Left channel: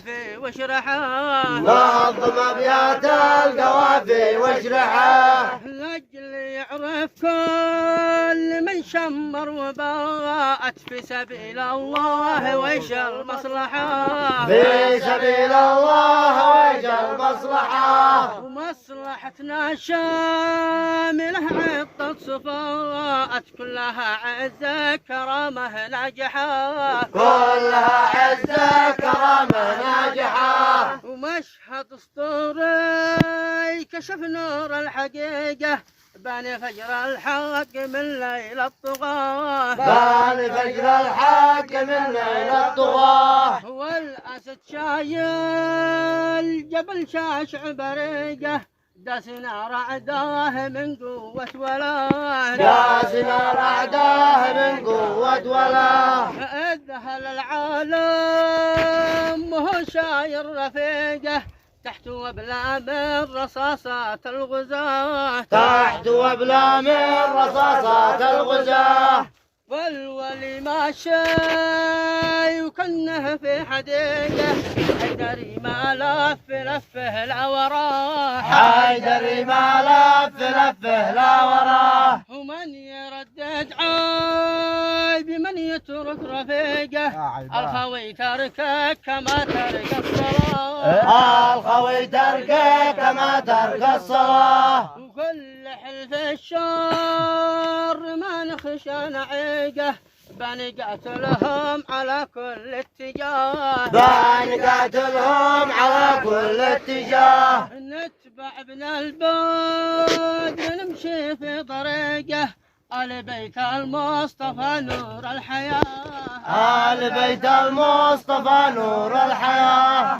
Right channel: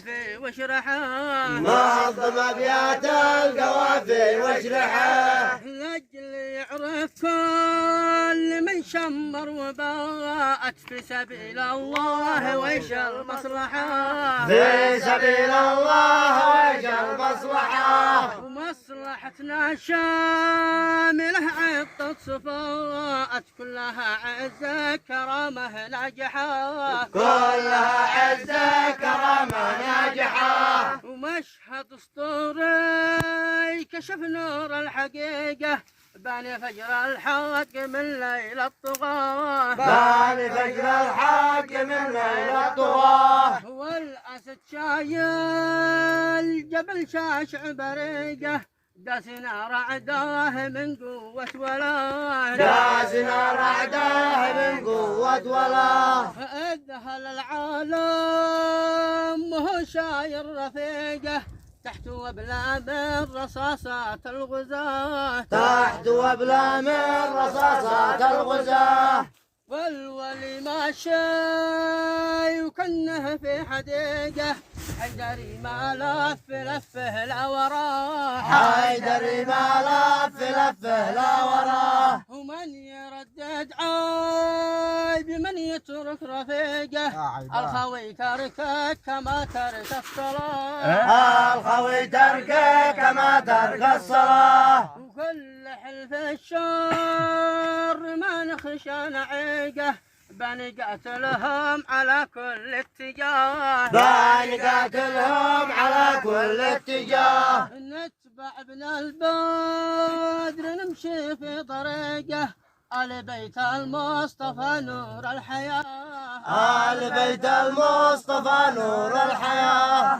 القوافي واشرحه نظم أبيات القوافي واشرحه لأجل يعرف كل من شمر وباءت في سبيل الله ويش المصلحة في سبيل الله ويش المصلحة ومصلحتنا شاملة عطت صفاءت كلها عزة كرامة ناجحة كلها عزة كرامة ناجحة ومشهد اسطوري كشف نور الحقيقة بان فجر الحق من ليل الطغاة بان فجر الحق من ليل الطغاة والأسد شايل جبل شاشع بريقه داسنا رعداه من قوة ولا داسنا رعداه من قوة ولا اذهل العالم وهو شاير رفيقه تحت وبلا من رصاصات الغزاة تحت وبلا من رصاصات الغزاة والولي ماشي وكنه في حديقه حيدري ما لفه لا وراه حيدري ما لفه لا وراه ومن يردد عيب من يترك رفيقه الخوي تركه كما ترك الصلاة الخوي تركه كما ترك الصلاة وكل حلف الشر ما نخشى نعيقه بنقاتلهم على كل اتجاه بنقاتلهم على كل اتجاه نتبع ابن البدر نمشي في طريقه آل بيت المصطفى نور الحياة آل بيت المصطفى نور الحياة